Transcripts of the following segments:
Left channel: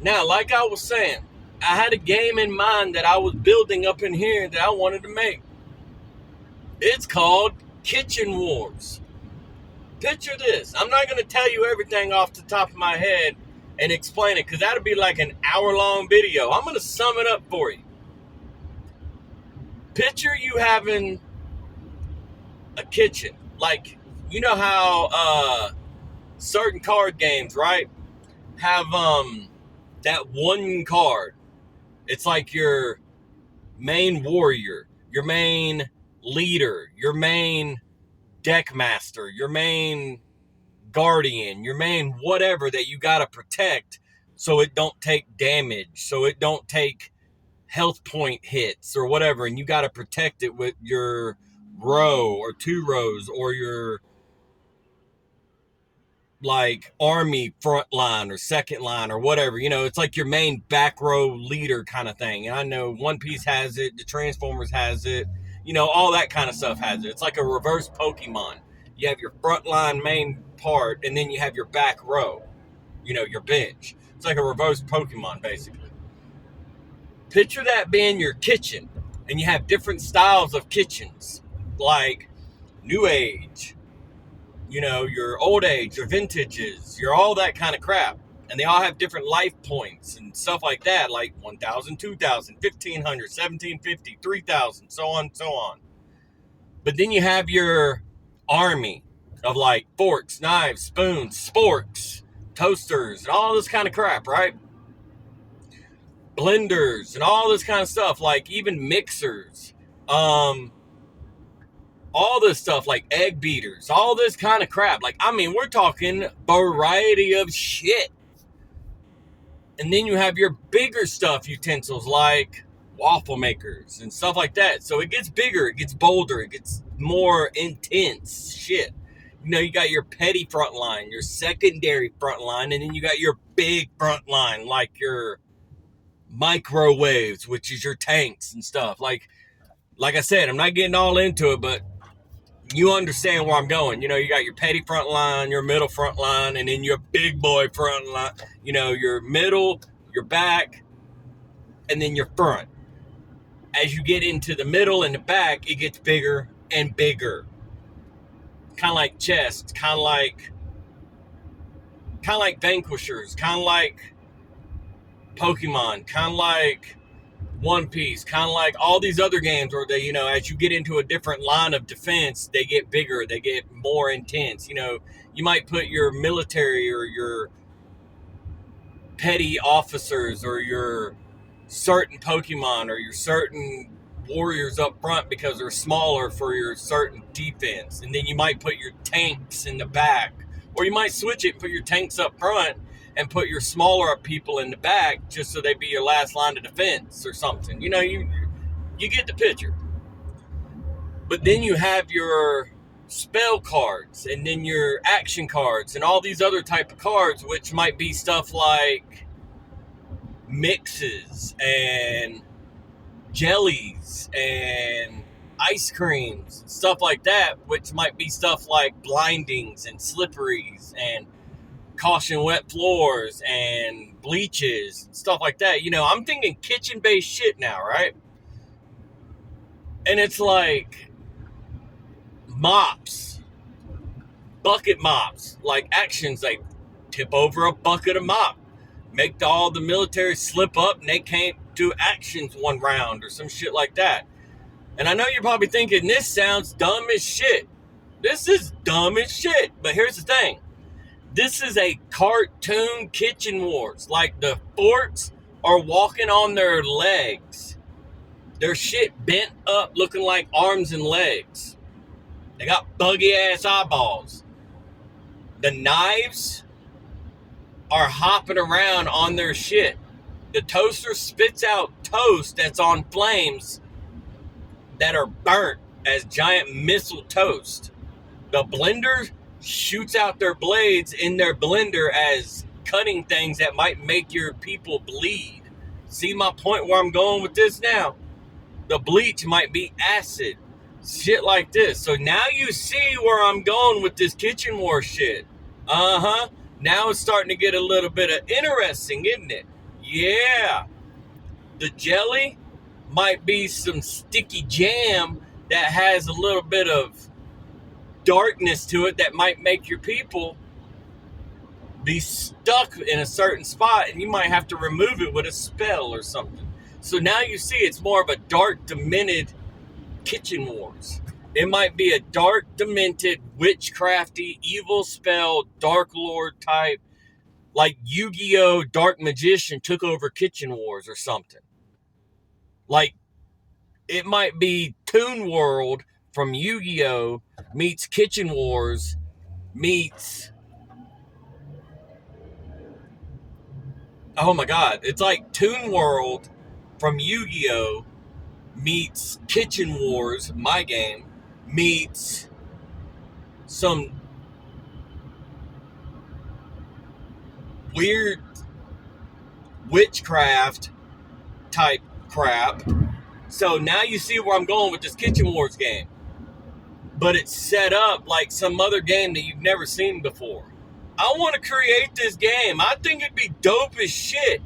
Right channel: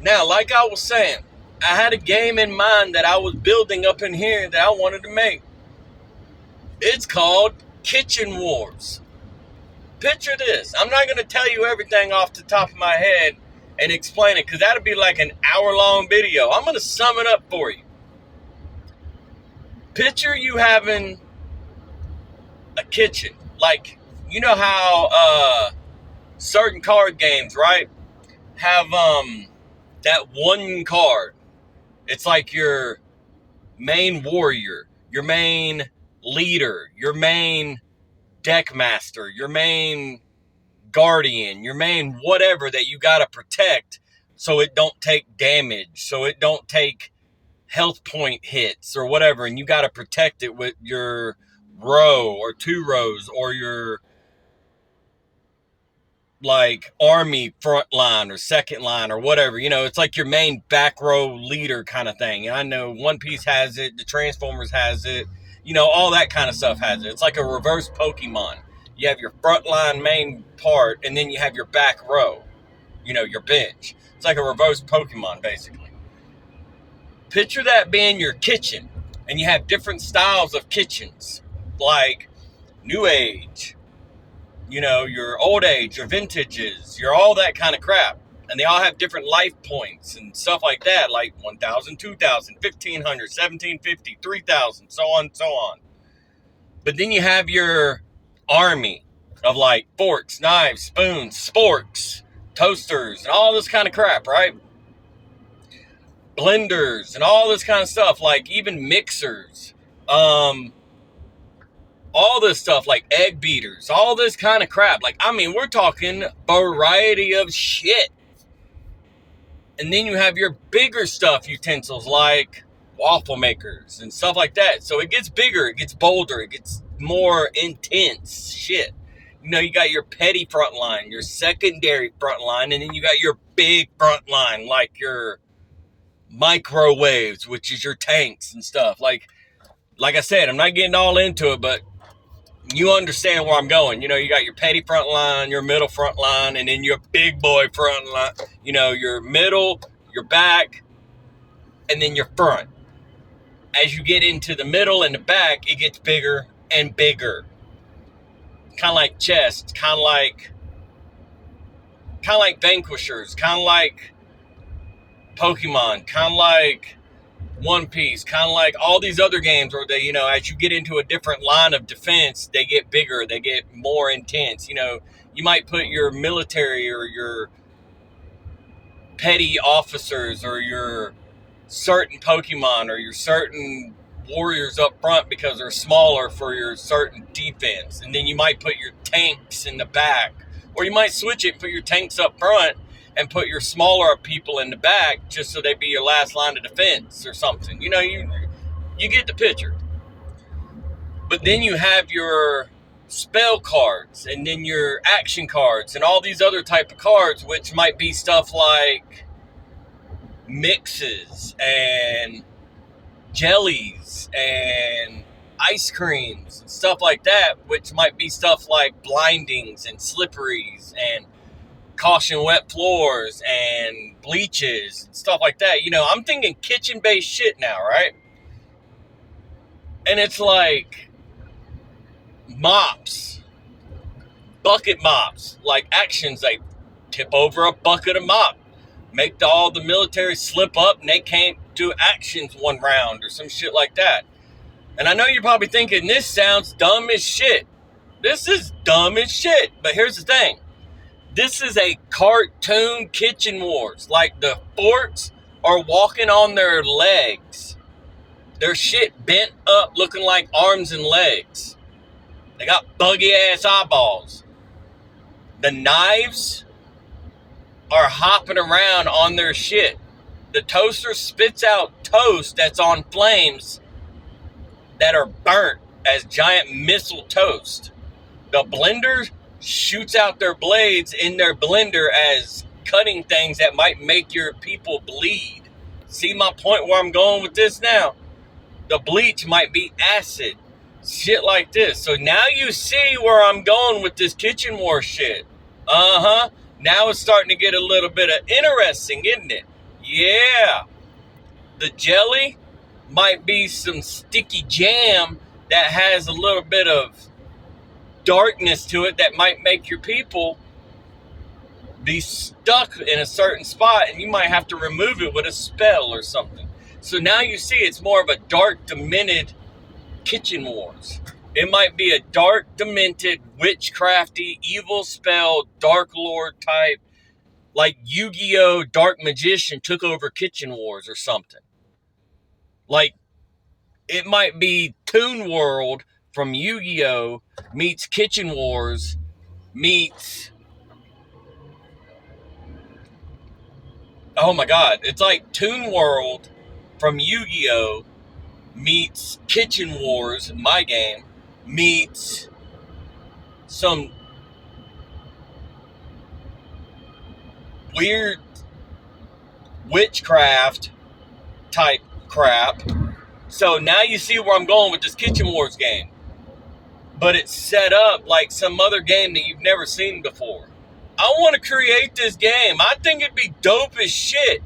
Now, like I was saying, I had a game in mind that I was building up in here that I wanted to make. It's called Kitchen Wars. Picture this. I'm not going to tell you everything off the top of my head and explain it because that'll be like an hour-long video. I'm going to sum it up for you. Picture you having a kitchen. Like, you know how certain card games, right, have that one card. It's like your main warrior, your main leader, your main deck master, your main guardian, your main whatever that you got to protect so it don't take damage, so it don't take health point hits or whatever, and you got to protect it with your row or two rows or your like army front line or second line or whatever. You know, it's like your main back row leader kind of thing. And I know One Piece has it, the Transformers has it, you know, all that kind of stuff has it. It's like a reverse Pokemon. You have your front line main part, and then you have your back row, you know, your bench. It's like a reverse Pokemon, basically. Picture that being your kitchen, and you have different styles of kitchens, like New Age, you know, your old age, your vintages, your all that kind of crap. And they all have different life points and stuff like that, like 1,000, 2,000, 1,500, 1,750, 3,000, so on and so on. But then you have your army of like forks, knives, spoons, sporks, toasters, and all this kind of crap, right? Blenders and all this kind of stuff, like even mixers, all this stuff like egg beaters, all this kind of crap. Like, I mean, we're talking variety of shit. And then you have your bigger stuff utensils like waffle makers and stuff like that. So it gets bigger, it gets bolder, it gets more intense shit. You know, you got your petty front line, your secondary front line, and then you got your big front line, like your microwaves, which is your tanks and stuff. Like I said, I'm not getting all into it, but you understand where I'm going. You know, you got your petty front line, your middle front line, and then your big boy front line. You know, your middle, your back, and then your front. As you get into the middle and the back, it gets bigger and bigger. Kind of like chess, kind of like Vanquishers, kind of like Pokemon, kind of like One Piece, kind of like all these other games where they, you know, as you get into a different line of defense, they get bigger, they get more intense. You know, you might put your military or your petty officers or your certain Pokemon or your certain warriors up front because they're smaller for your certain defense. And then you might put your tanks in the back, or you might switch it and put your tanks up front and put your smaller people in the back just so they be your last line of defense or something. You know, you get the picture. But then you have your spell cards and then your action cards and all these other type of cards, which might be stuff like mixes and jellies and ice creams and stuff like that, which might be stuff like blindings and slipperies and caution wet floors and bleaches and stuff like that. You know, I'm thinking kitchen-based shit now, right? And it's like mops, bucket mops, like actions. They tip over a bucket of mop, make all the military slip up and they can't do actions one round or some shit like that. And I know you're probably thinking this sounds dumb as shit. This is dumb as shit. But here's the thing. This is a cartoon kitchen wars. Like the forks are walking on their legs. Their shit bent up looking like arms and legs. They got buggy ass eyeballs. The knives are hopping around on their shit. The toaster spits out toast that's on flames that are burnt as giant missile toast. The blender shoots out their blades in their blender as cutting things that might make your people bleed. See my point where I'm going with this now? The bleach might be acid. Shit like this. So now you see where I'm going with this kitchen war shit. Now it's starting to get a little bit of interesting, isn't it? Yeah, the jelly might be some sticky jam that has a little bit of darkness to it that might make your people be stuck in a certain spot, and you might have to remove it with a spell or something. So now you see it's more of a dark, demented kitchen wars. It might be a dark, demented, witchcrafty, evil spell, dark lord type, like Yu-Gi-Oh! Dark Magician took over Kitchen Wars or something. Like, it might be Toon World from Yu-Gi-Oh! Meets Kitchen Wars meets... Oh my god, it's like Toon World from Yu-Gi-Oh! Meets Kitchen Wars, my game, meets some weird witchcraft type crap. So now you see where I'm going with this Kitchen Wars game. But it's set up like some other game that you've never seen before. I want to create this game. I think it'd be dope as shit.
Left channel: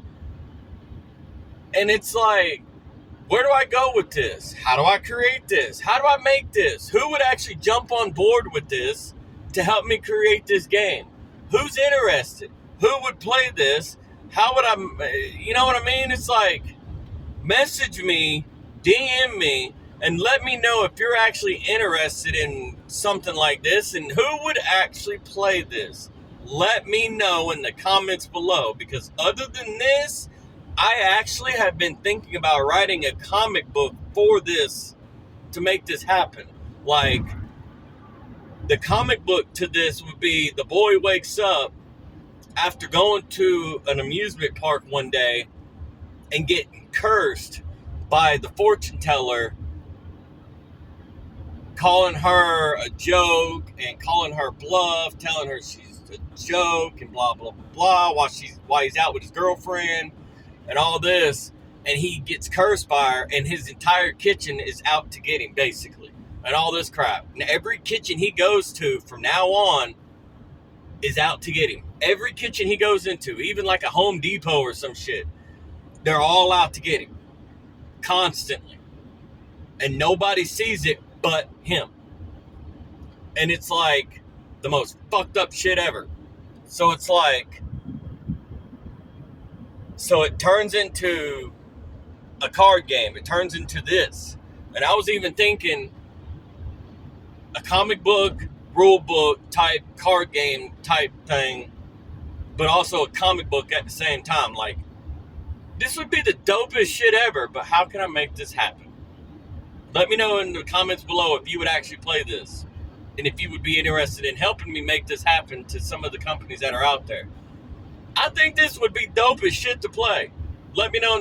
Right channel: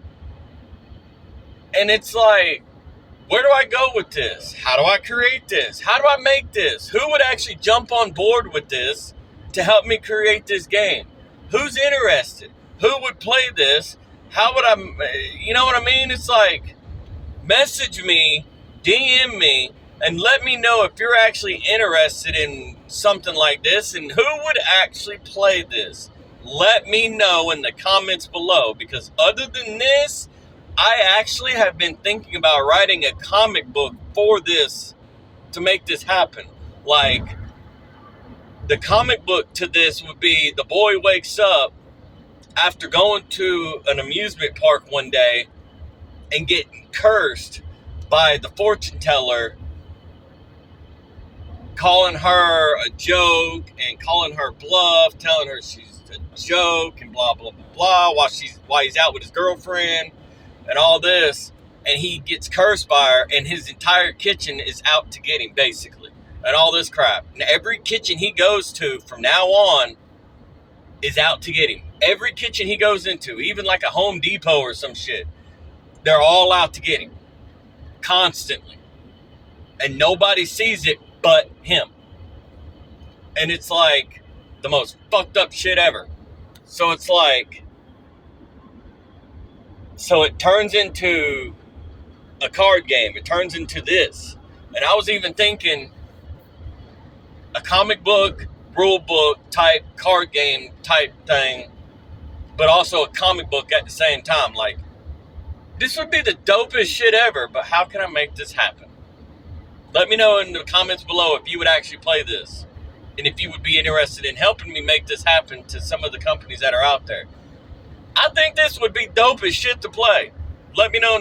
And it's like, where do I go with this? How do I create this? How do I make this? Who would actually jump on board with this to help me create this game? Who's interested? Who would play this? How would I, you know what I mean? It's like, message me, DM me, and let me know if you're actually interested in something like this and who would actually play this. Let me know in the comments below, because other than this, I actually have been thinking about writing a comic book for this to make this happen. Like, the comic book to this would be the boy wakes up after going to an amusement park one day and getting cursed by the fortune teller, calling her a joke and calling her bluff, telling her she's a joke and blah, blah, blah, blah, while he's out with his girlfriend and all this. And he gets cursed by her, and his entire kitchen is out to get him, basically, and all this crap. And every kitchen he goes to from now on is out to get him. Every kitchen he goes into, even like a Home Depot or some shit, they're all out to get him constantly. And nobody sees it but him. And it's like the most fucked up shit ever. So it's like, so it turns into a card game. It turns into this. And I was even thinking a comic book, rule book type, card game type thing, but also a comic book at the same time. Like, this would be the dopest shit ever, but how can I make this happen? Let me know in the comments below if you would actually play this, and if you would be interested in helping me make this happen to some of the companies that are out there. I think this would be dope as shit to play. Let me know in the